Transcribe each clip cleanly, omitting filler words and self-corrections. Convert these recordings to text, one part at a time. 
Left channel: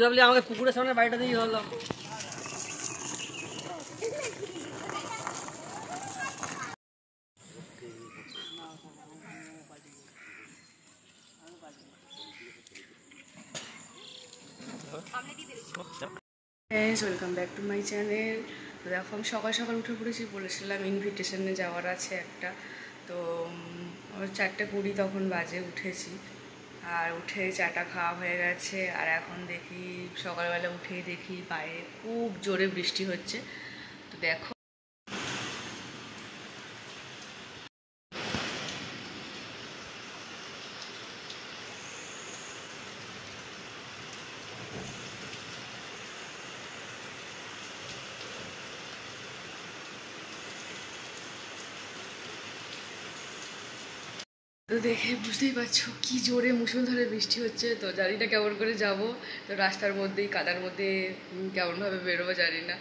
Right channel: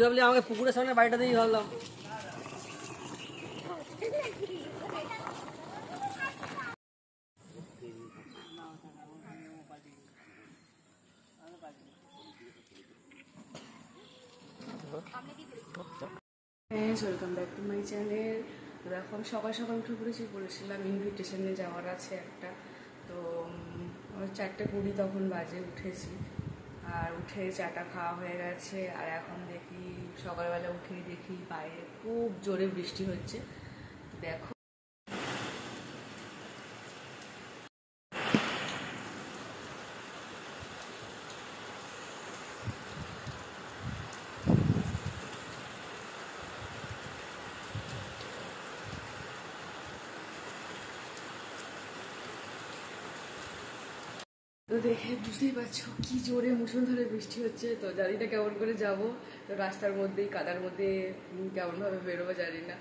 ভাবলি আমাকে পুকুরের সামনে বাড়িটা দিয়ে ধরলাম। Welcome back to my channel. তো দেখো আমি সকাল সকাল উঠে পড়েছি, বলেছিলাম ইনভিটেশনে যাওয়ার আছে একটা। তো 4:20 তখন বাজে, উঠেছি। আর উঠে চাটা খাওয়া হয়ে গেছে। আর এখন দেখি সকালবেলা উঠেই দেখি বাইরে খুব জোরে বৃষ্টি হচ্ছে। তো দেখো তো দেখে বুঝতেই পারছো কি জোরে মুষলধারে বৃষ্টি হচ্ছে। তো জানি না কেমন করে যাব। তো রাস্তার মধ্যেই কাদার মধ্যে কেমনভাবে বেরোবো জানি না।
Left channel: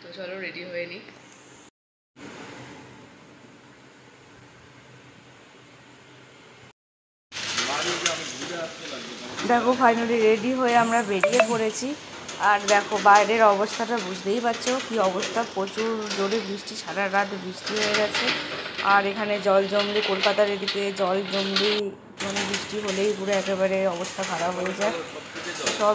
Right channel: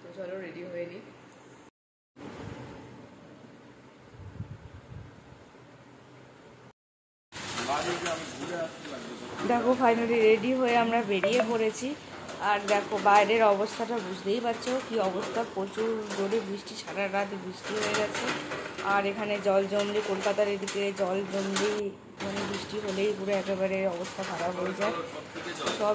তো চলো রেডি হয়ে নিই। দেখো ফাইনালি রেডি হয়ে আমরা বেরিয়ে পড়েছি। আর দেখো বাইরের অবস্থাটা বুঝতেই পারছো কি অবস্থা, প্রচুর জোরে বৃষ্টি, সারা রাত বৃষ্টি হয়ে গেছে। আর এখানে জল জমলে, কলকাতার এদিকে জল জমলেই মানে বৃষ্টি হলেই পুরো একেবারে অবস্থা খারাপ হয়ে যায়, সব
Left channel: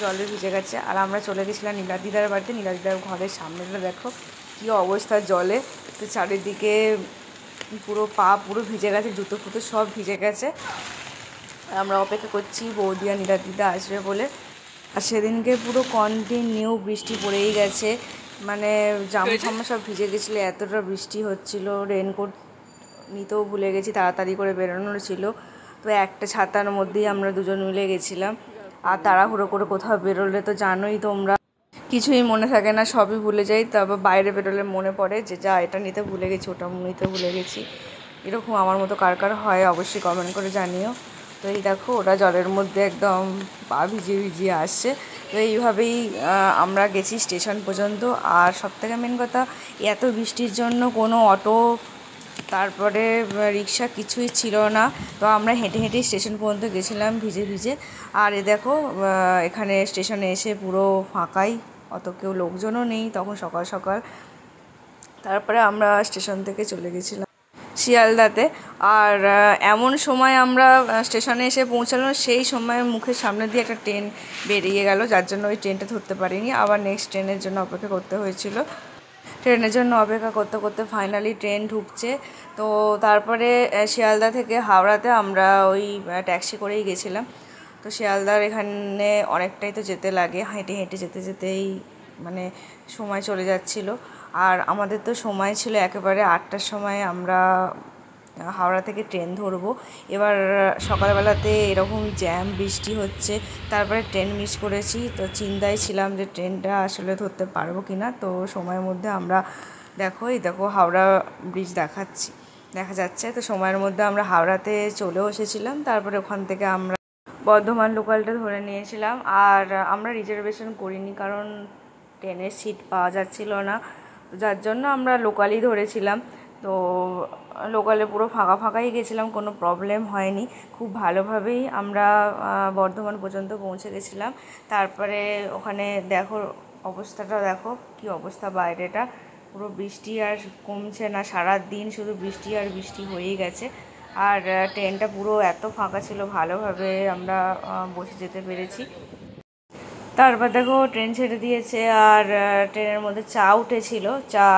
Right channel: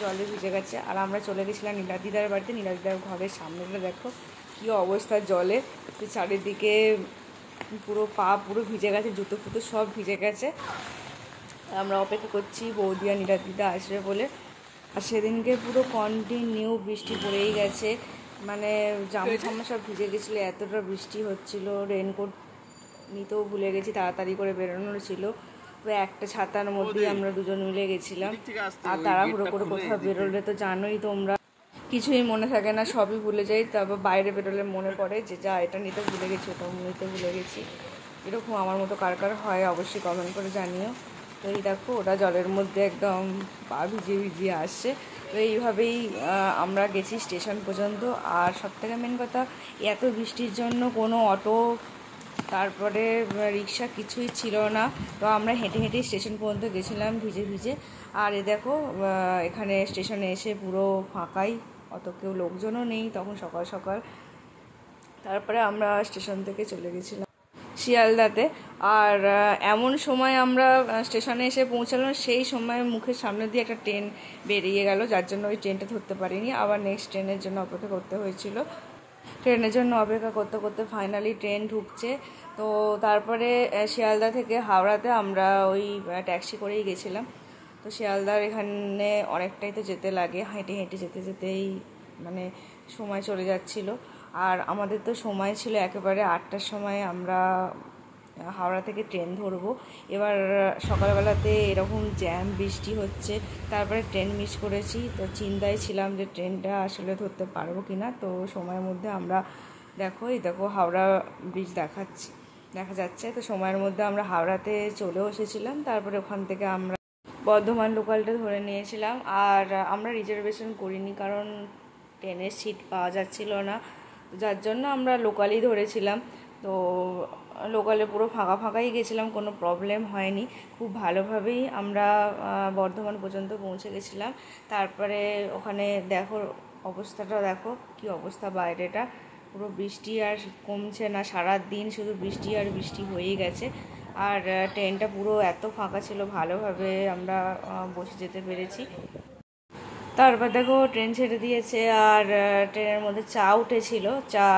জলে ভিজে গেছে। আর আমরা চলে গেছিলাম নীলাদিদার বাড়িতে। নীলাদিদার ঘরের সামনেটা দেখো কি অবস্থা জলে, তো চারিদিকে পুরো পা পুরো ভিজে গেছে, জুতো ফুতো সব ভিজে গেছে। আমরা অপেক্ষা করছি বৌদি আর নীলাদিদা আসবে বলে। আর সেদিনকে পুরো কন্টিনিউ বৃষ্টি পড়েই গেছে, মানে জামা ফামা সব ভিজে গেছিলো, এতটা বৃষ্টি হচ্ছিল। রেনকোট নিতেও ভুলে গেছি, তাড়াতাড়ি করে বেরোনোর ছিল। তো একটা ছাতার মধ্যেই আমরা দুজন মিলে গেছিলাম। আর তাড়াহুড়ো করে কোথাও বেরোলে তো জানোই তোমরা, কিছুই মনে থাকে না, সবই ভুলে যাই। তারপর বাইরে বেরোলে মনে পড়ে যে যা এটা নিতে ভুলে গেছি, ওটা নিতে ভুলে গেছি। এরকম আমার মতো কার কার হয় অবশ্যই কমেন্ট করে জানিও। তো এই দেখো ওরা জলের মধ্যে একদম পা ভিজিয়ে ভিজিয়ে আসছে। তো এইভাবেই আমরা গেছি স্টেশন পর্যন্ত। আর সবথেকে মেন কথা, এত বৃষ্টির জন্য কোনো অটো তারপরে রিক্সা কিছুই ছিল না। তো আমরা হেঁটে হেঁটে স্টেশন পর্যন্ত গেছিলাম ভিজে ভিজে। আর এ দেখো এখানে স্টেশনে এসে পুরো ফাঁকাই, অত কেউ লোকজনও নেই তখন সকাল সকাল। তারপরে আমরা স্টেশন থেকে চলে গেছিলাম শিয়ালদাতে। আর এমন সময় আমরা স্টেশনে এসে পৌঁছালাম, সেই সময় মুখের সামনে দিয়ে একটা ট্রেন বেরিয়ে গেল, যার জন্য ওই ট্রেনটা ধরতে পারিনি। আবার নেক্সট ট্রেনের জন্য অপেক্ষা করতে হয়েছিল। ট্রেনের জন্য অপেক্ষা করতে করতে ফাইনালি ট্রেন ঢুকছে। তো তারপরে শিয়ালদা থেকে হাওড়াতে আমরা ওই ট্যাক্সি করেই গেছিলাম। তো শিয়ালদার এখানে অনেকটাই তো যেতে লাগে, হেঁটে হেঁটে যেতে যেতেই মানে সময় চলে যাচ্ছিল। আর আমাদের তো সময় ছিল একেবারে 8টার সময় আমরা হাওড়া থেকে ট্রেন ধরবো। এবার সকালবেলাতে এরকম জ্যাম বৃষ্টি হচ্ছে, তারপরে ট্রেন মিস করেছি। তো চিন্তায় ছিলাম যে ট্রেনটা আসলে ধরতে পারবো কি না। তো সময়ের মধ্যে আমরা দেখো হাওড়া ব্রিজ দেখা যাচ্ছে। তো সময়ের মধ্যে আমরা হাওড়াতে চলেও এসেছিলাম। তারপরে ওখান থেকে আমরা বর্ধমান লোকালটা ধরে নিয়েছিলাম। আর আমরা রিজার্ভেশন করিনি, কারণ ট্রেনের সিট পাওয়া যাচ্ছিল না, যার জন্য আমরা লোকালই ধরেছিলাম। তো লোকালে পুরো ফাঁকা ফাঁকাই গেছিলাম, কোনো প্রবলেম হয়নি। খুব ভালোভাবেই আমরা বর্ধমান পর্যন্ত পৌঁছে গেছিলাম। তারপরে ওখানে দেখো অবস্থাটা, দেখো কি অবস্থা বাইরেটা, পুরো বৃষ্টি আর কমছে না, সারা দিন শুধু বৃষ্টি আর বৃষ্টি হয়েই গেছে। আর ট্রেনটা পুরো এত ফাঁকা ছিল, ভালোভাবে আমরা বসে যেতে পেরেছি। তারপর দেখো ট্রেন ছেড়ে দিয়েছে। আর ট্রেনের মধ্যে চা উঠেছিল, চা।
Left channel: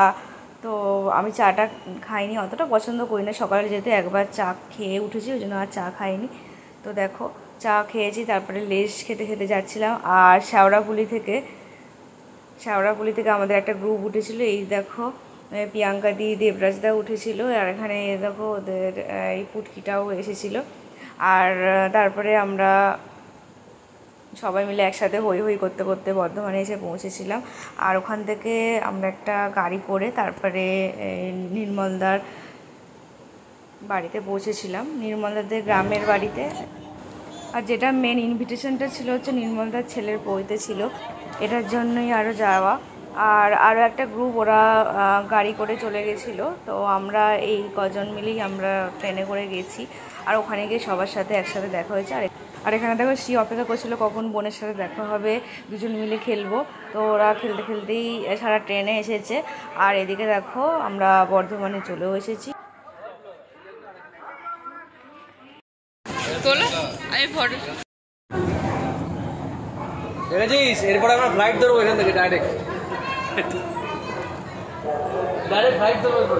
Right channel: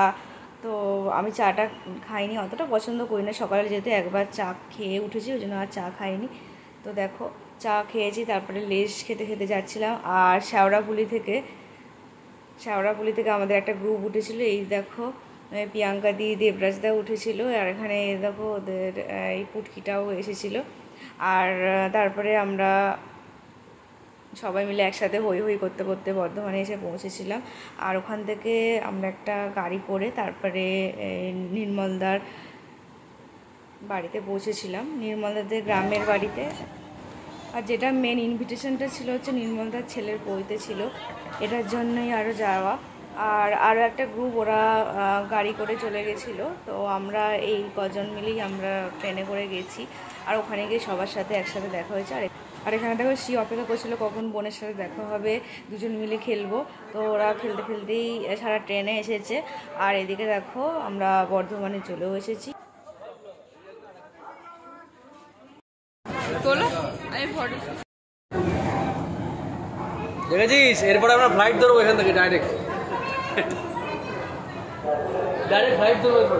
তো আমি চাটা খাইনি, অতটা পছন্দ করি না, সকালে যেহেতু একবার চা খেয়ে উঠেছি ওই জন্য আর চা খাইনি। তো দেখো চা খেয়েছি, তারপরে লেস খেতে খেতে যাচ্ছিলাম। আর শেওড়াফুলি থেকে আমাদের একটা গ্রুপ উঠেছিল, এই দেখো প্রিয়াঙ্কা দি, দেবরাজদা উঠেছিল। আর এখানে দেখো ওদের এই পুটকিটাও এসেছিল। আর তারপরে আমরা সবাই মিলে একসাথে হই হই করতে করতে বর্ধমানে এসে পৌঁছেছিলাম। আর ওখান থেকে আমরা একটা গাড়ি করে তারপরে নির্মলদার বাড়িতে পৌঁছেছিলাম, নির্মলদাদের গ্রামের বাড়িতে। আর যেটা মেন ইনভিটেশনটা ছিল হচ্ছে নির্মলদার ছেলের বইতে ছিল, এটার জন্যই আরও যাওয়া। আর আরও একটা গ্রুপ ওরা গাড়ি করে চলে গেছিলো। তো আমরা এই কজন মিলেই আমরা ট্রেনে করে গেছি। আর ওখানে গিয়ে সবার সাথে একসাথে দেখা হয়েছে। আর আর এখানে দেখো শ্রী অপেক্ষা করছিল কখন বোনের সাথে দেখা হবে, দুজন মিলে খেলবো। তো ওরা খেলতে খেলতেই সারা ট্রেনে এসেছে। আর এদিকে দেখো আমরা বর্ধমানে চলেও এসেছি। দেখেছিস, এরপরে আমরা ফ্লাইট ধরবো এখান থেকে ডাইরেক্ট ফ্লাইট ধরবো।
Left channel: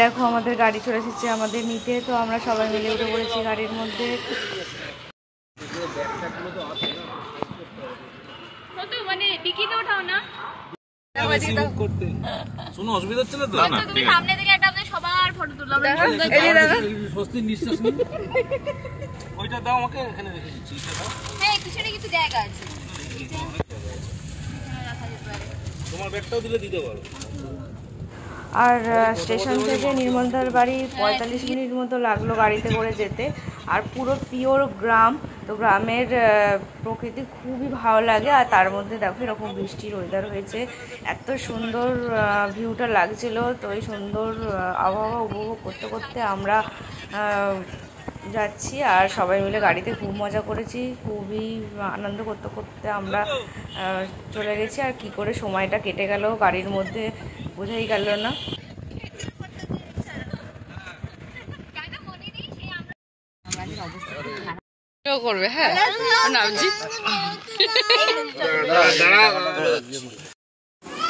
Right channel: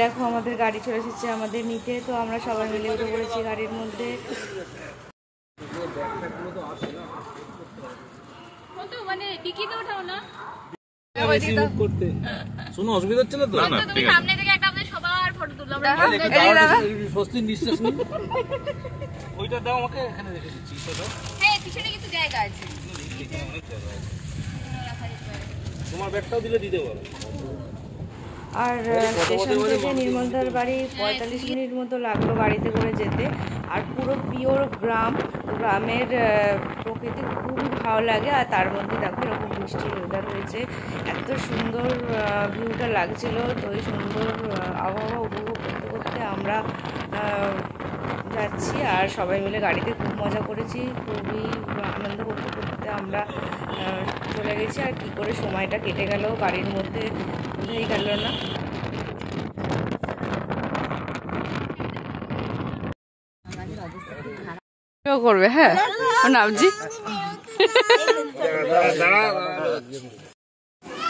দেখো আমাদের গাড়ি চলে এসেছে আমাদের নিতে। তো আমরা সবাই মিলে উঠে পড়েছি গাড়ির মধ্যে। কোনো অসুবিধা হচ্ছে না তো? সামনে থেকে একটা সবার ফটো তুললাম। স্বস্তির নিঃশ্বাস নিন। ওইটা দাও আমাকে, এখানে রেখে দিচ্ছি। হ্যাঁ, পিছনে কিছু জায়গা আছে। তোমার ব্যাগটাও দিলে দিতে পারো। আর স্টেশন থেকে নির্মলদার বাড়ি 45 মিনিট মতো লাগলো গাড়িতে করে যেতে। আর পুরো পিওর গ্রাম, তো গ্রামের প্রকৃতি খুবই ভালো লাগে। আর তার মধ্যে দেখো এরকম বৃষ্টির ওয়েদার হয়েছে, এত সুন্দর ভিউটা লাগছিল। তো এই সুন্দর আবহাওয়া উপভোগ করতে করতে আমরা যাচ্ছি। আর সবাই মিলে গাড়িতে খুব মজা করেছি, খুবই আনন্দ করতে করতে আমরা চলে গেছি। আর কি করে সময়টা কেটে গেল গাড়ির মধ্যে বোঝাই গেল না। করবে হ্যাঁ নামজি।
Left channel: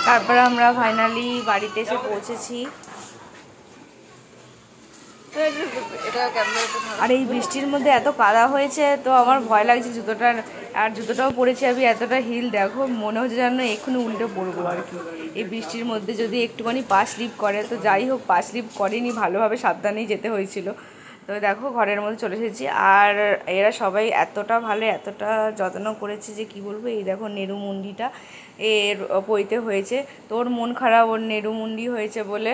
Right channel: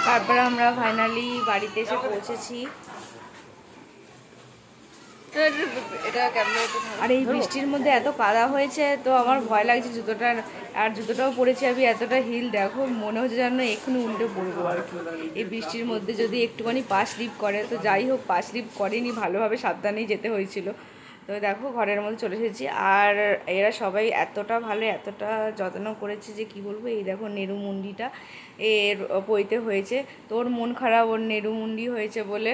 তারপর আমরা ফাইনালি বাড়িতে এসে পৌঁছেছি। আর এই বৃষ্টির মধ্যে এত কাদা হয়েছে, তো আমার ভয় লাগছে জুতোটার। আর জুতোটাও পরেছি আমি, এতটা হিল দেখো, মনে হচ্ছে যেন এক্ষুনি উল্টে পড়বো আর কি। এই বৃষ্টির মধ্যে যদি একটুখানি পা স্লিপ করে, তো যাই হোক পা স্লিপ করেনি, ভালোভাবে সাবধানেই যেতে হয়েছিল। তো দেখো ঘরের মধ্যে চলে এসেছি। আর এরা সবাই এতটা ভালো, এতটা যত্ন করেছে যে কি বলবো। এই দেখো নেরুমুন্ডিটা এর পইতে হয়েছে, তোর মন খারাপ ওর নেরুমুন্ডি হয়েছে বলে।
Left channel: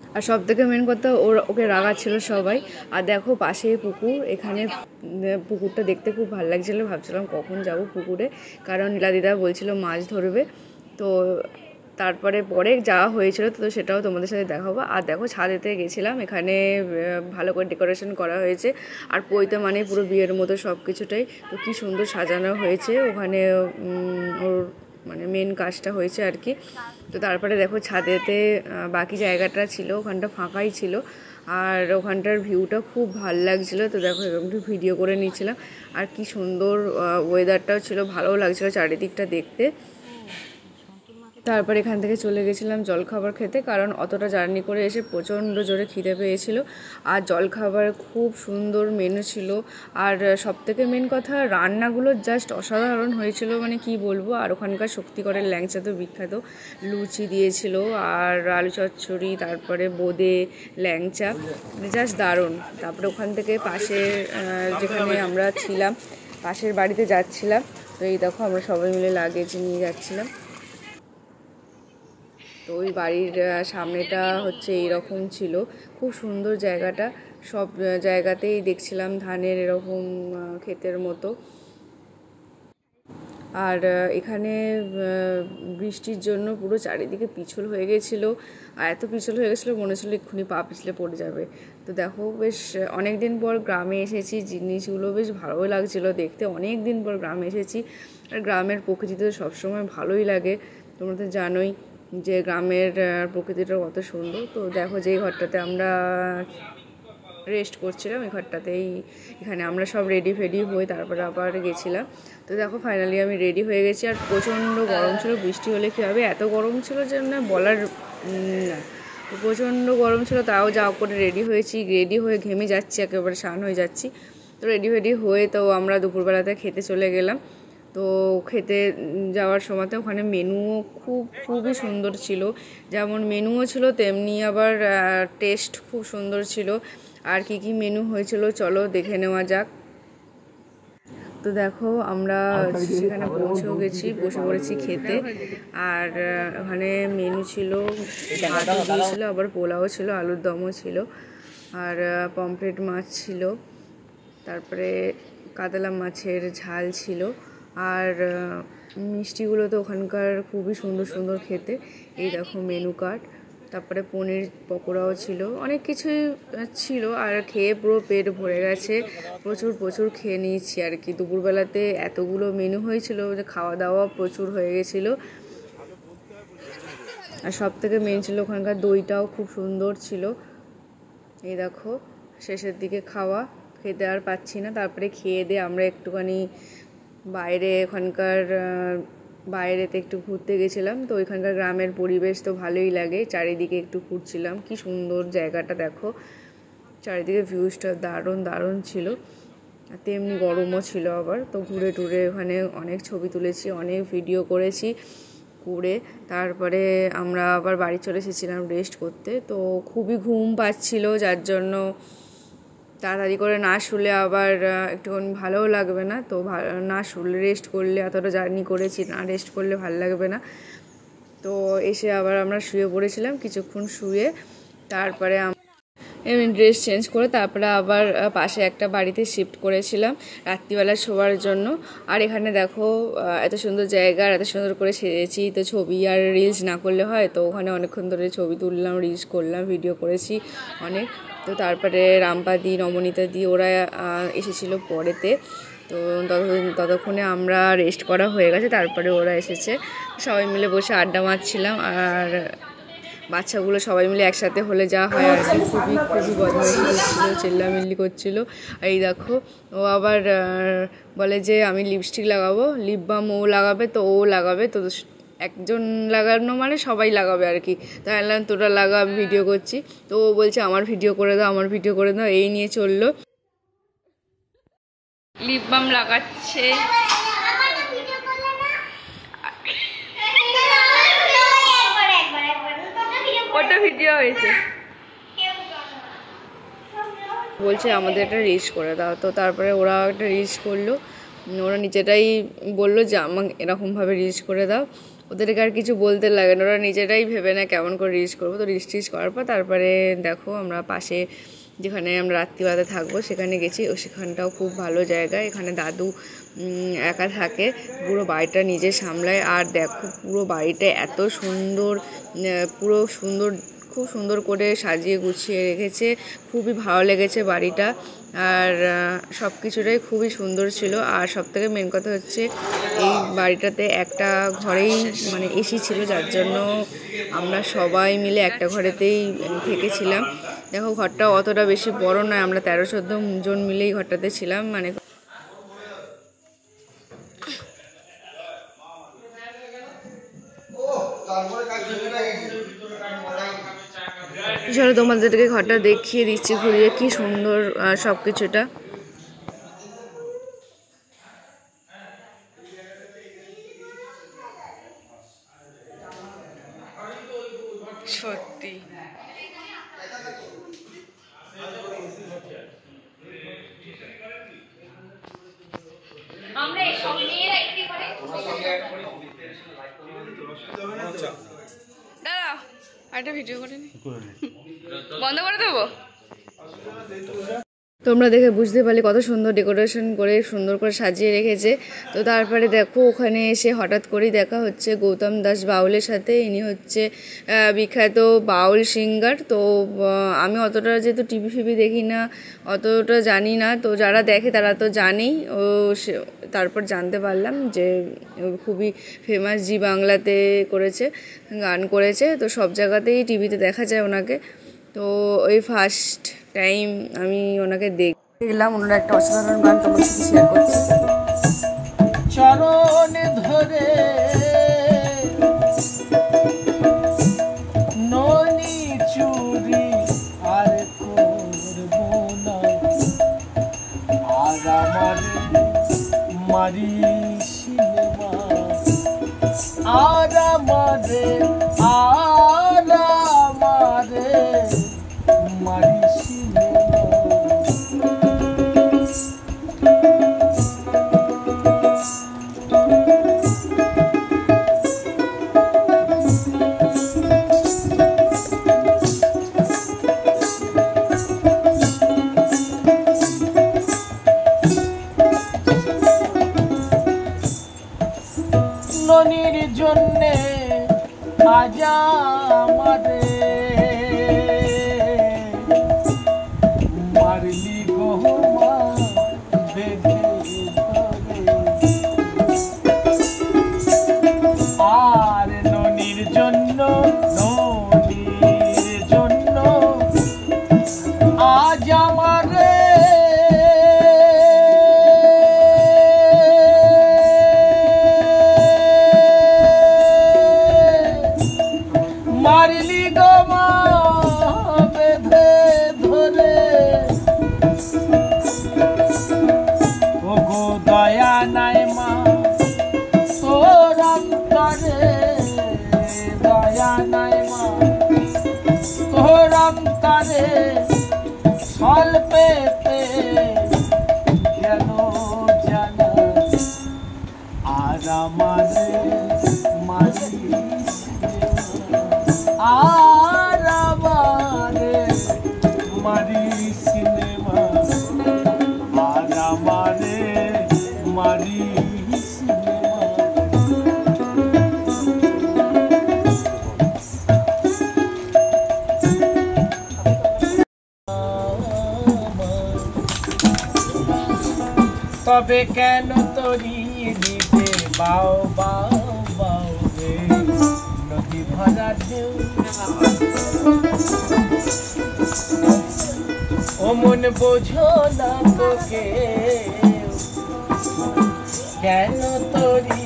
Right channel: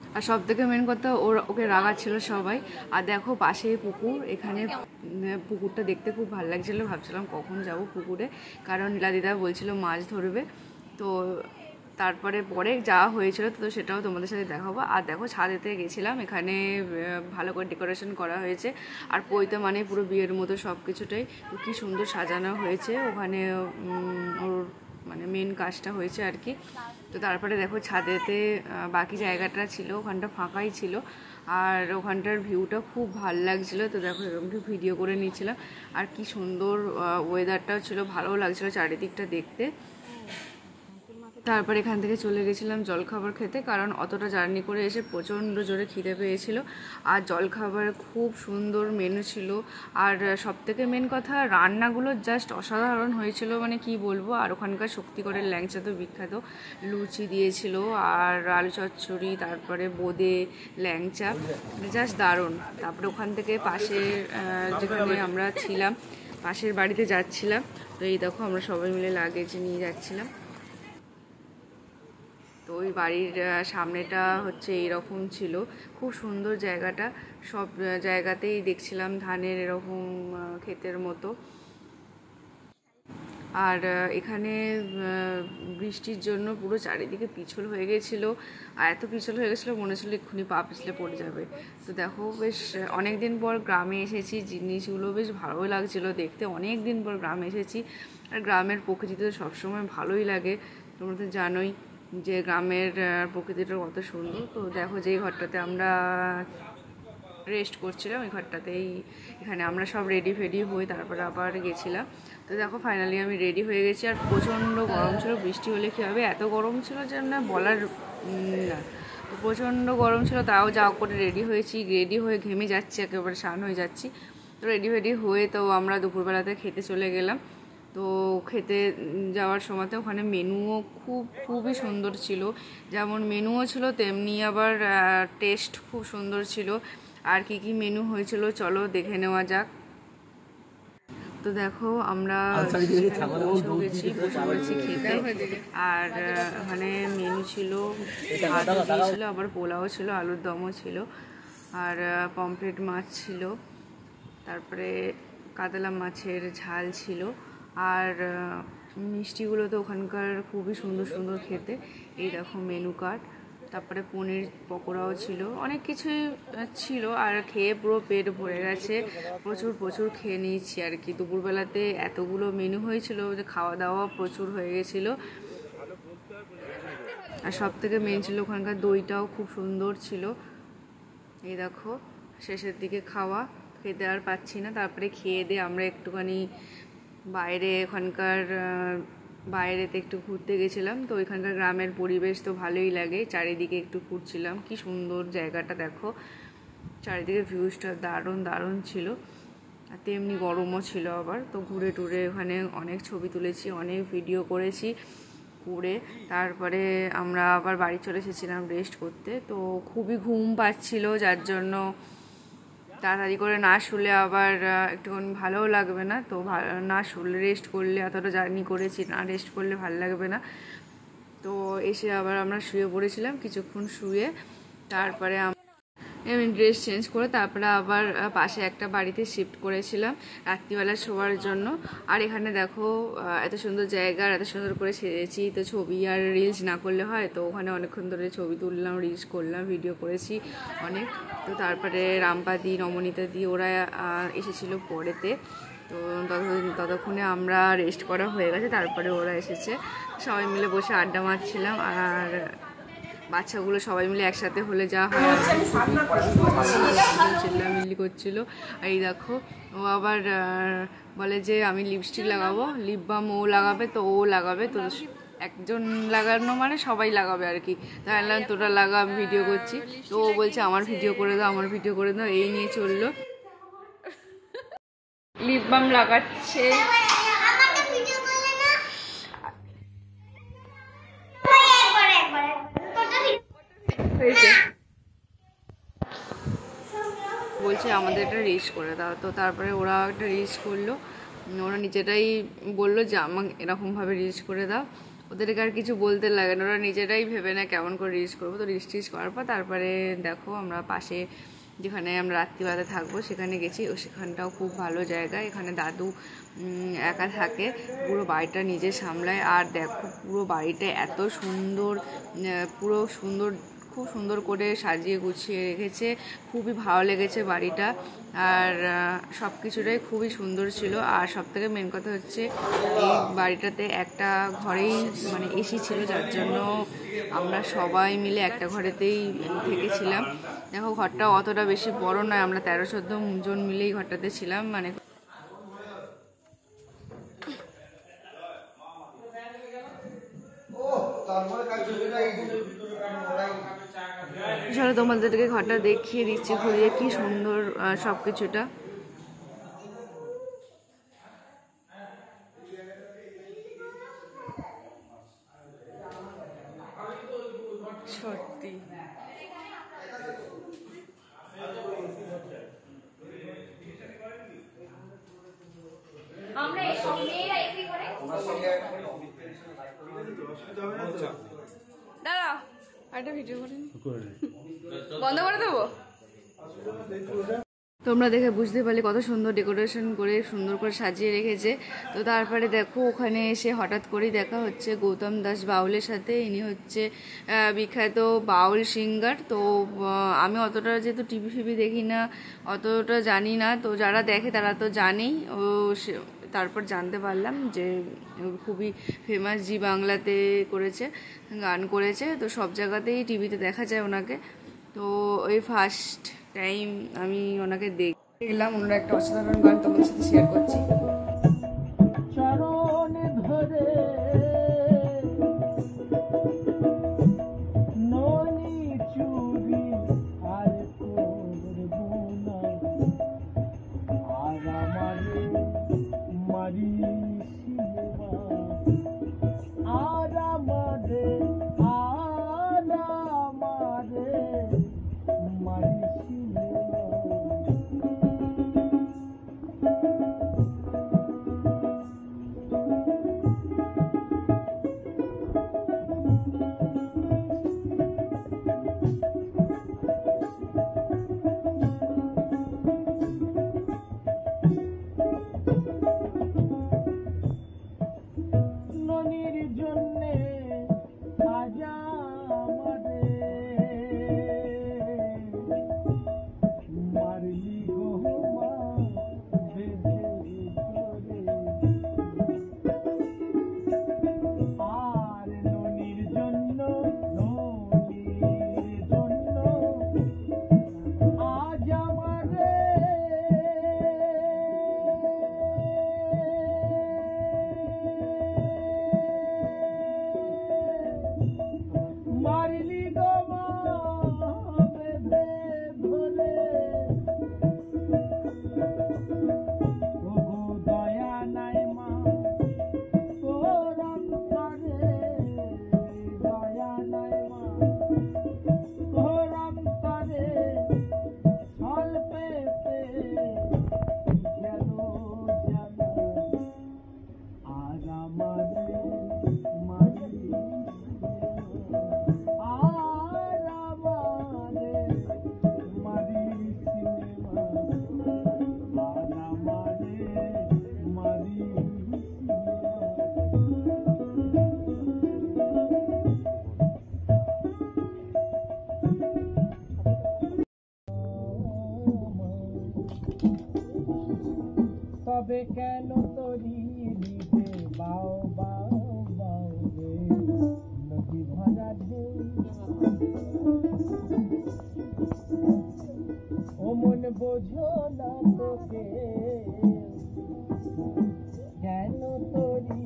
আর সব থেকে মেন কথা ওকে রাগাচ্ছিল সবাই। আর দেখো পাশেই পুকুর, এখানে পুকুরটা দেখতে খুব ভালো লাগছিলো। ভাবছিলাম কখন যাব পুকুরে, কারণ নীলাদিদা বলছিল মাছ ধরবে। তো তারপরে পরে যাওয়া হয়েছিল, তো সেটাও তোমাদের সাথে দেখাবো। আর দেখো ছাদেতে গেছিলাম, এখানে ভালো করে ডেকোরেশন করা হয়েছে। আর পইতে মানে পুরো বিয়ের মতো সব কিছুটাই, তো কি সুন্দর সাজানো হয়েছে। ওখানে ওর মানে মেন কাজটা হয়েছে আর কি। তো তারপরে দেখো ছাদেতে বাকি জায়গাটা ছিল, ওখানটা ফাঁকাই ছিল। আর ওখানটার ভিউটা খুব ভাল লাগছিলো। তো দেখো এরকম একটু ভিডিও করে নিচ্ছিলাম। আর কি সুন্দর ওয়েদারটাও ছিল, ভালোও লাগছিলো চারিদিকটা দেখতে। তারপর এখান থেকে চলে গেছিলাম জলখাবার খেতে, কারণ অতটা জার্নি করে এসে প্রচণ্ড জোরে খিদে পেয়েছিল। আর জলখাবার খুব সুন্দর মেনু ছিল। আর সবথেকে মেন কথা, রান্নাগুলো জাস্ট অসাধারণ হয়েছিল, মানে কি বলবো। আর ওখানকার শক্তিগড়ের ল্যাংচা তো বিখ্যাত, লুচি দিয়েছিল আর আলু চচ্চড়ি, তারপরে বোঁদে, ল্যাংচা, জাস্ট দারুণ। তারপরে ওখান থেকে পাশে যেখানে আমরা ছিলাম, পাশের বাড়িতে যাচ্ছিলাম। তো এই দেখো আমরা সবাই মিলে লাগেজ নিয়ে যাচ্ছিলাম। তো ওই বাড়ির সামনেটা হচ্ছে এইরকম ছিল, খুব সুন্দর জায়গাটা। সব জায়গাতেই দেখছিলাম ধানের এরকম ক্ষেতের মতো। আর এখানে বৃষ্টির জন্য পুরো চারিদিকে পিছল হয়ে গেছিলো। আর এত পিছল হয়ে গেছিলো মনে হচ্ছিলো এক্ষুনি পা পিছলে পড়ে যাবে। তো দেখো বেশ অনেক দিন পর গ্রামে এসেছি, জিনিসগুলো বেশ ভালোই লাগছিলো দেখতে। অনেক দিন পর গ্রামে এসেছি। আর গ্রামের প্রকৃতি তো সবসময় ভালোই লাগে, তোমরা তো জানোই যে গ্রামের প্রকৃতিটা কত সুন্দর। তো দেখো যেই ঘরটাতে আমরা রেস্ট করছিলাম, এই ঘরটাতেই, এখানে আমরা সব রেডি ফেডি হয়ে তারপরে আবার গেছিলাম। তো দেখো ফাইনালি আমি রেডি হয়ে গেছি। আর প্রচণ্ড গরম ছিল, বৃষ্টি হলে কী হবে, এত গরম ছিল যে না বলার না। তো প্রচণ্ড গরম ছিল, তাও যা করে রেডি হয়েছি, রেডি হয়ে ঘেমে যাচ্ছি, একেবারে স্নান হয়ে যাচ্ছি। তো রেডি ফেডি হয়ে তো আমরা দুপুরবেলাতে খেতে চলে গেলাম। তো খেতে যাওয়ার সময়তে ওখানে মেনুও খুবই সুন্দর ছিল, যেমন মেনুও ছিল তেমনি আবার টেস্ট খুব সুন্দর ছিল। আর কি কি মেনু হয়েছিল চলো দেখে নেওয়া যাক। তো দেখো আমরা সেখানে পৌঁছেও গেছি, বসে পড়েছি খেতে। আর ওখানে মেনু ছিল, ভাত দিয়েছিল, আবার পোলাও ছিল, আলুর দমও ছিল, আর পমফ্রেট মাছ ছিল, তারপরে কাতলা মাছের ঝাল ছিল। আর মিষ্টিগুলো তো ওখানকার খুবই সুন্দর সুন্দর খেতে। এই দেখো মেনু কার্ড। তারপরে পনির পকোড়াও ছিল, অনেক কিছুই ছিল। আর খেয়ে পুরো পেট ভরে গেছে, প্রচুর খেয়ে নিয়েছি আর কি। দুপুরবেলাতে এতগুলো মেনু হয়েছিল যে খাওয়া দাওয়া প্রচুর হয়ে গেছিলো। আর সব থেকে মেন ছিল ওখানকার দইটাও খুব সুন্দর ছিল। এই দেখো শেষের দিকে খাওয়া, খেতে আর পাচ্ছি না। তারপরে খেয়ে দিয়ে আমরা একটুখানি বাইরে, ওখানকার বাইরেতে একটু ঘুরতে গেছিলাম। তো ওইখানকার গ্রামের পরিবেশ তো ভালোই লাগে, চারিদিকে একটু ঘুরছিলাম। কি সুন্দর জায়গাটা দেখো, চারিদিকে ভিউজটা দারুণ ছিল। আর তেমনি গরমও ছিল আবার। তো ঘুরে টুরে ওখানে অনেক ছবি তুলেছি, অনেক ভিডিও করেছি করে তারপরে আমরা আবার বাড়ি চলে এসেছিলাম রেস্ট করতে। তো খুবই ঘুম পাচ্ছিল, যার জন্য তাড়াতাড়ি করে না শুলে আবার একটুখানি ভালোও লাগবে না। তো না শুলে, রেস্ট করলে, এতটা জার্নি করেছি, না রেস্ট করলে ভালো লাগবে না। তো এসে আবার আমরা শুয়ে পড়েছিলাম, কিছুক্ষণ শুয়ে তারপরে আমি ড্রেস চেঞ্জ করে তারপরে আবার পাশে একটা বাড়িতে শিফট করেছিলাম রাত্রিবেলা শোয়ার জন্য। আর এখানে দেখো এত সুন্দর জায়গা, এত সুন্দর করে সেজেছি। তো ছবি আর রিলস না করলে হয়, তো ওখানে অনেকক্ষণ ধরে ছবি তুললাম, রিলস করলাম, ভিডিও করেছি অনেক। তো তারপরে রামপাদি, নমনীতা দি ওরা এসেছিলো পরেতে। তো ততক্ষণে আমরা রেস্ট করা হয়ে গেছে, তারপরে ওরা এসেছে। সবাই মিলে বসে আড্ডা মারছিলাম। আর বাচ্চাগুলো সবাই মিলে একসাথে হলে যা হয় আর কি, খুবই বদমাইশি করছিল, চিল্লামিল্লি করছিল। এই দেখো ও আবার বলে যে আমি লিপস্টিক লাগাবো, লিপ বাম ও লাগাবে, তো ও লাগাবে। তো একজন লাগানো মানে সবাই লাগাবে আর কি। তাই বললাম তোরা লাগা, আমি ভিডিও করছি। তো ও বলছে আমার ভিডিও করে দাও, এই নিয়ে চললো। লিপ বাম লাগাচ্ছে, ওটা ভিডিও হয়েছে। বলছে আমাদের একটা রিলস করে দাও। তো তারপরে ওরা একটা রিলস করলো, ওরা নিজেরাই বললো যে আমাকে এরকমভাবে রিলস করে দাও। ওদেরকে আর কিছু বলতে লাগে না, ওরা নিজেরাই ভেবে না কেমন করে রিলস করবো। তো রিলস করার পর তারপরে দেখো আমরা পাশে যেখানে আমরা রাত্রিবেলাতে থাকবো সেখানে গেছি। ও সেখানটাও খুব ভালো জায়গা। এখানে দাদু একা থাকে, পুরো বাড়িটা নিজে সামলায়। আর দেখো পুরো বাড়িটা এত সুন্দর, খুব সুন্দর করে সাজিয়ে গুছিয়ে রেখেছে। খুবই ভালো লেগেছে বাড়িটা। আর সব কিছুটাই খুবই সুন্দর ছিল। আর সবথেকে মেন কথা হচ্ছে এই বাড়িটাতে একটা ঘরেই মানে এসি ছিল, যার জন্য আমরা সবাই মিলে একটা ঘরেতেই থেকেছিলাম। দেখো ঘরটা অতটা বেশি বড় নয়, আমরা 13-14 জন মিলেই ঘরটাতে ছিলাম। মানে চলো তোমাদেরকে ঘরটা দেখিয়ে দিচ্ছি ঘুরিয়ে, কি সুন্দর সব কিছুটা। সত্যি দাঁড়া, একটা ভিডিও করে নি, বন্ধ করে দেবো। তোমরা দেখে বুঝতে পারলে কত সুন্দর ডেকোরেশন করে সুন্দর করে সাজিয়ে রেখেছে। তো তারপরে দেখো ওখানে এসে হঠাৎ করেই দেখা হচ্ছে গৌতম দাস বাউলের সাথে। ইনি হচ্ছে বিখ্যাত বাউল সিঙ্গার। তো আমি অতটা যেহেতু টিভি ফিভি দেখি না, অতটা জানি না। তো যারা দেখে তারা তো জানেই। তারপর জানতে পারলাম যে খুবই ফেমাস, জি বাংলাতে করেছে, গান করেছে। তো সব জায়গাতেই টিভিতে দেখা যায় ওনাকে। তো ওই ফার্স্ট টাইম আমি ওনাকে দেখলাম। ওনারা একটা অসাধারণ গান তোমার সাথে শেয়ার করছি। চরণ ধরে ননি চুরি আর করব না, আর আমারে মারি সিনেমা, আর আমারে মারি সিনেমা। তবে কেন তরি দিতে বাও বাও বাও রে নদী ভরা ঢেউ ও মন বোঝো না তোকে কেন তরি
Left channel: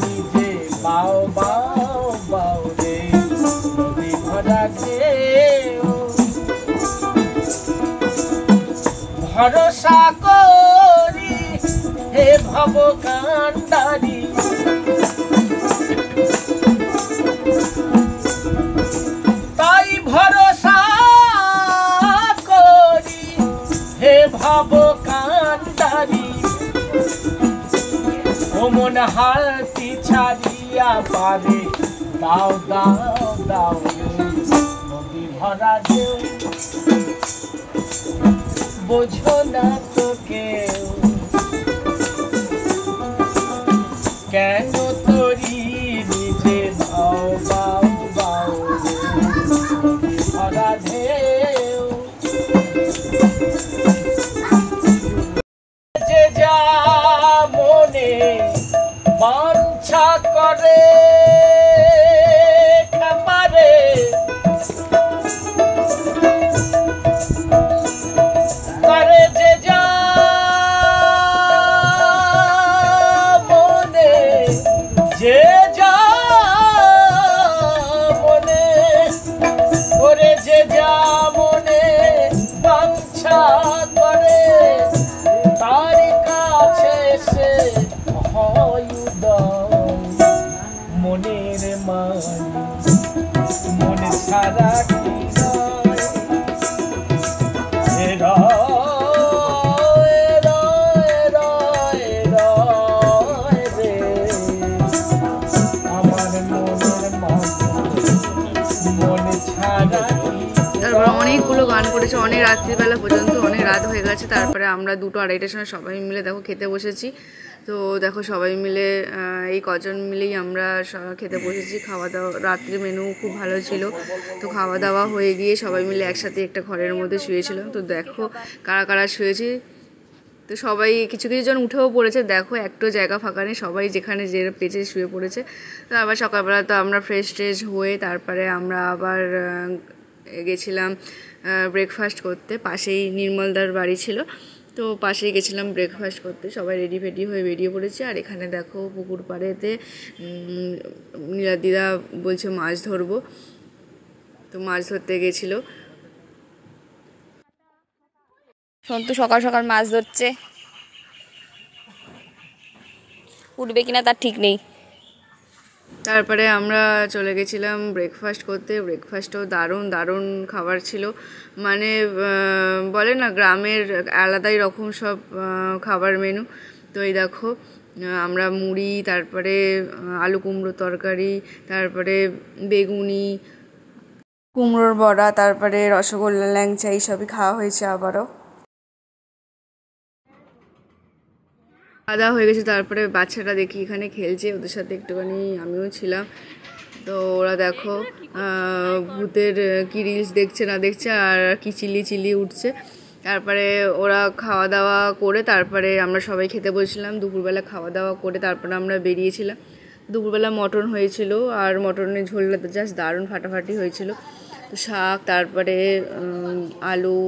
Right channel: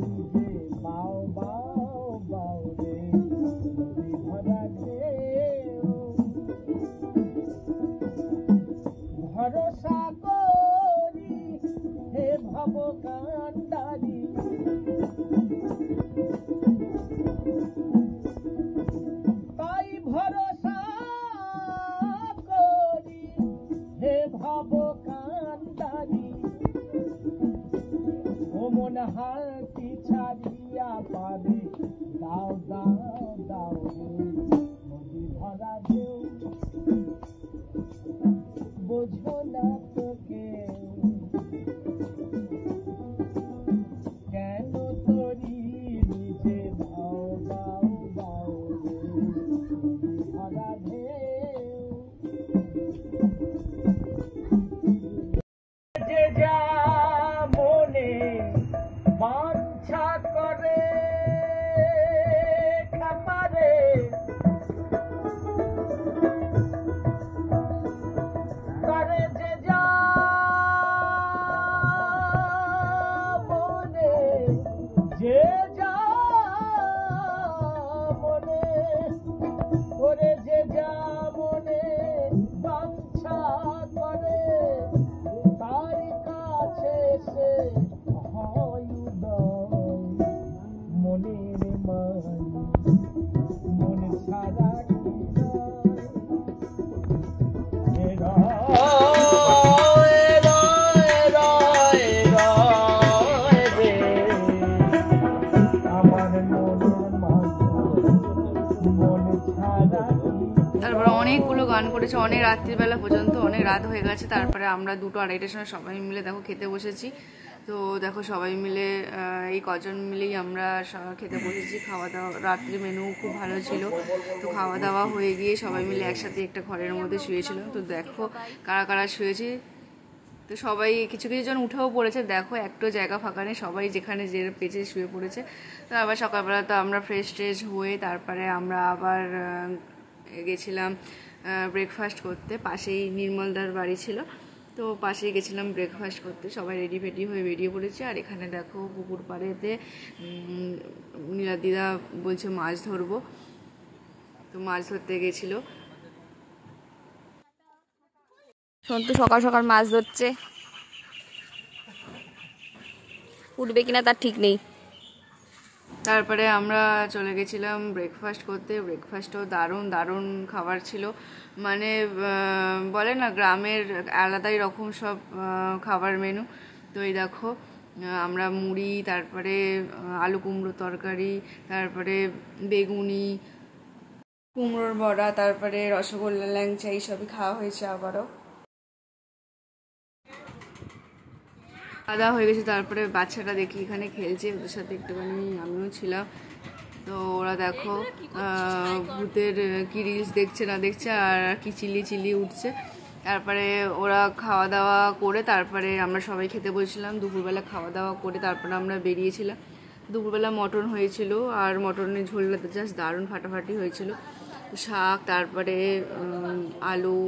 নিজে বাও বাও বাও রে নদী ভরা ঢেউ ভরসা করি হে ভব কান্ডারি তাই ভরসা করি হে ভব কান্ডারি ও মন হালতি ছাড়িয়া পারে দাও দাও দাও নদী ভরা ঢেউ বোঝো না তো কেউ কেন তরি নিজে বাও বাও বাও নদী ভরা ঢেউ যে যা মনে বাঞ্ছা করে খাবারে করে যে যা মনে যে যা মনে করে যে যা মনে বাঞ্ছা করে তার কাছে সে হয় উদয় মনের মান মনে সারা কি নয় তারপরে অনেকগুলো গান করেছে অনেক রাত্রিবেলা পর্যন্ত, অনেক রাত হয়ে গেছে। তারপরে আমরা 2-2:30টার সময় সবাই মিলে দেখো খেতে বসেছি। তো দেখো সবাই মিলে এই কজন মিলেই আমরা খেতে বসেছি। খাওয়া দাওয়া রাত্রি মেনু খুব ভালো ছিল। তো খাওয়া দাওয়া হয়ে গিয়ে সবাই মিলে একসাথে একটা ঘরের মধ্যে শুয়েছিলাম। তো দেখো কারা কারা শুয়েছি। তো সবাই কিছু কিছু জন উঠেও পড়েছে, দেখো একটু জায়গা ফাঁকা নেই, সবাই যেখানে যে পেঁচে শুয়ে পড়েছে। তো আবার সকালবেলা তো আমরা ফ্রেশ ট্রেশ হয়ে তারপরে আমরা আবার গেছিলাম ব্রেকফাস্ট করতে। পাশেই নির্মলদার বাড়ি ছিল, তো পাশেই গেছিলাম ব্রেকফাস্ট করতে। সবাই রেডি ফেডি হয়ে বেরিয়ে পড়েছে। আর এখানে দেখো পুকুর পাড়েতে নীলাদিদা বলছে মাছ ধরবো, তো মাছ ধরতে গেছিলো। সন্তু সকাল সকাল মাছ ধরছে, উঠবে কিনা তার ঠিক নেই। তারপরে আমরা চলে গেছিলাম ব্রেকফাস্ট করতে। ব্রেকফাস্টও দারুণ দারুণ খাবার ছিল, মানে বলে না গ্রামের আলাদাই রকম সব খাবার মেনু। তো এই দেখো আমরা মুড়ি, তারপরে আলু কুমড়ো তরকারি, তারপরে বেগুনি, কুমড়োর বড়া, তারপরে রসগোল্লা, ল্যাংচা এইসবই খাওয়া হয়েছে। আবারও খাওয়া হয়ে গেছে। তারপরে বাচ্চারা দেখি এখানে খেলছে, ওদের সাথে একটুখানি আমিও ছিলাম। তো ওরা দেখো ভূতের কি রিলস দেখছে না দেখছে আর কি চিল্লি উঠছে। তারপরে ওরা খাওয়া দাওয়া করে তারপরে আমরা সবাই খেতে বসেছিলাম। দুপুরবেলা খাওয়া দাওয়া করে তারপরে আমরা বেরিয়েছিলাম। দুপুরবেলা মটন হয়েছিল, আর মটনের ঝোলটা তো জাস্ট দারুণ ফাটাফাটি হয়েছিল। শাক, তারপরে আলু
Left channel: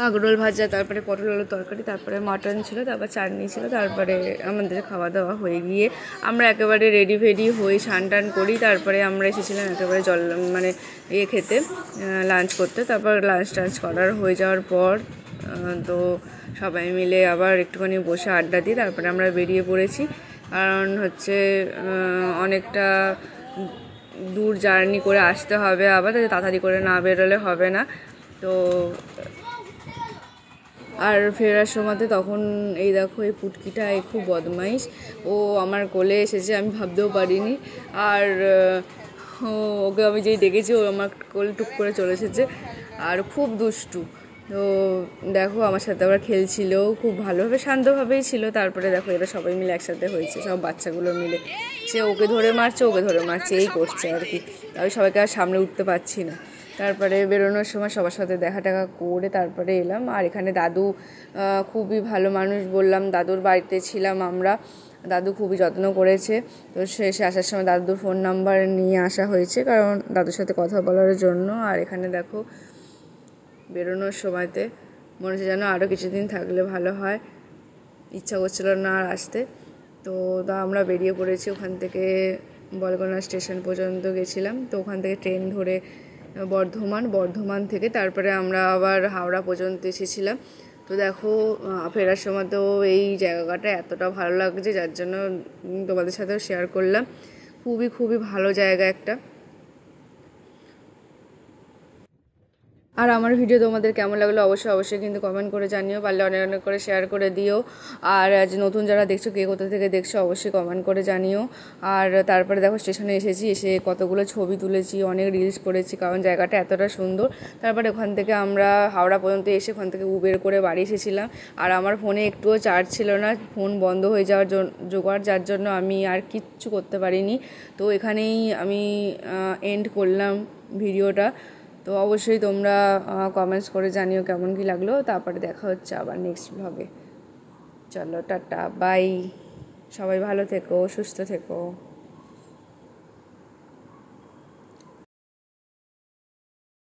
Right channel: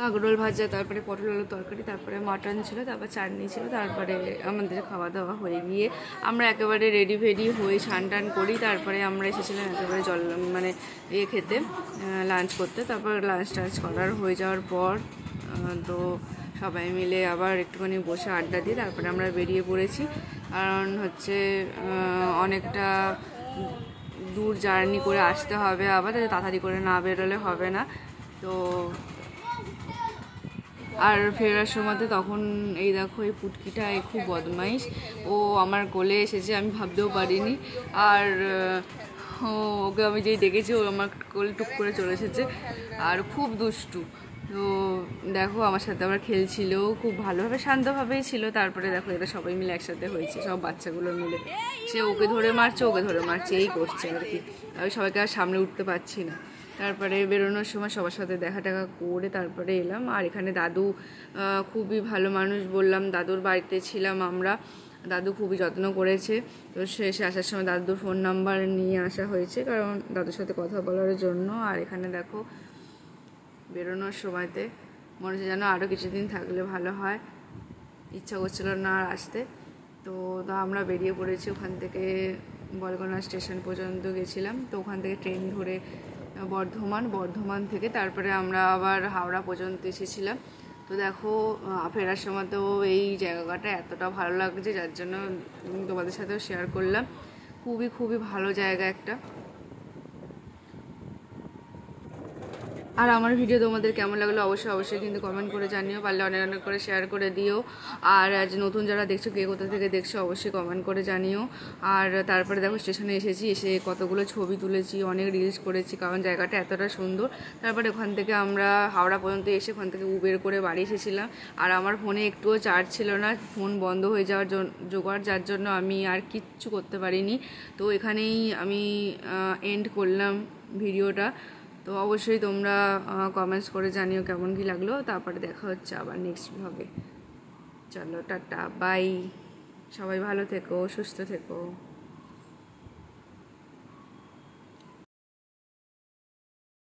কাঁকরোল ভাজা, তারপরে পটল আলু তরকারি, তারপরে মাটন ছিল, তারপর চাটনি ছিল। তারপরে আমাদের খাওয়া দাওয়া হয়ে গিয়ে আমরা একেবারে রেডি ফেডি হয়ে স্নান টান করি। তারপরে আমরা এসেছিলাম একেবারে মানে খেতে, লাঞ্চ করতে। তারপর লাঞ্চ টাঞ্চ করার হয়ে যাওয়ার পর তো সবাই মিলে আবার একটুখানি বসে আড্ডা দিই। তারপরে আমরা বেরিয়ে পড়েছি, কারণ হচ্ছে অনেকটা দূর জার্নি করে আসতে হবে, আবার তাড়াতাড়ি করে না বেরোলে হবে না। তো আর ফেরার সময়তে তখন এই দেখো এই পুটকিটা খুব বদমাইশ, ও আমার কোলে এসেছে, আমি ভাবতেও পারিনি। আর ওকে আমি যেই ডেকেছি ও আমার কোলে টুক করে চলে এসেছে, আর খুব দুষ্টু। তো দেখো আমার সাথে আবার খেলছিল, খুব ভালোভাবে শান্তভাবেই ছিল। তারপরে দেখো এরা সবাই মিলে একসাথে হয়েছে, সব বাচ্চাগুলো মিলে, সে ওকে ধরে মারছে ওকে ধরে মারছে এই করছে আর কি। আমি সবাইকে আর সামনে উঠতে পারছি না। তারপরে বেরোনোর সময় সবার সাথে দেখা টাকা করে তারপরে এলাম। আর এখানে দাদু খুবই ভালো মানুষ, বললাম দাদুর বাড়িতে ছিলাম আমরা, দাদু খুবই যত্ন করেছে। তো শেষে আসার সময় দাদুর ফোন নাম্বার নিয়ে আসা হয়েছে, কারণ দাদুর সাথে কথা বলার জন্য। আর এখানে দেখো বেরোনোর সময়তে মনে হচ্ছে যেন আরও কিছুদিন থাকলে ভালো হয়, ইচ্ছা করছিল না আর আসতে। তো আমরা বেরিয়ে পড়েছি, ওখান থেকে বলগোনা স্টেশন পর্যন্ত গেছিলাম। তো ওখান থেকে ট্রেন ধরে বর্ধমান থেকে তারপরে আমরা আবার হাওড়া পর্যন্ত এসেছিলাম। তো দেখো ফেরার সময় তো এই জায়গাটা এতটা ভালো লাগছে, যার জন্য তোমাদের সাথেও শেয়ার করলাম। খুবই খুবই ভালো জায়গা একটা। আর আমার ভিডিও তোমাদের কেমন লাগলো অবশ্যই কিন্তু কমেন্ট করে জানিও, পারলে অনেক অনেক করে শেয়ার করে দিও। আর আজ নতুন যারা দেখছো, কে কোথা থেকে দেখছো অবশ্যই কমেন্ট করে জানিও। আর তারপরে দেখো স্টেশনে এসে কতগুলো ছবি তুলেছি, অনেক রিলস করেছি, কারণ জায়গাটা এতটা সুন্দর। তারপরে ওখান থেকে আমরা হাওড়া পর্যন্ত এসে ওখান থেকে উবের করে বাড়ি এসেছিলাম। আর আমার ফোনে একটুও চার্জ ছিল না, ফোন বন্ধ হয়ে যাওয়ার জোগাড়, যার জন্য আমি আর কিচ্ছু করতে পারিনি। তো এখানেই আমি এন্ড করলাম ভিডিওটা। তো অবশ্যই তোমরা কমেন্টস করে জানিও কেমন কী লাগলো। তারপরে দেখা হচ্ছে আবার নেক্সট ব্লগে। চলো টাটা বাই, সবাই ভালো থেকো, সুস্থ থেকো।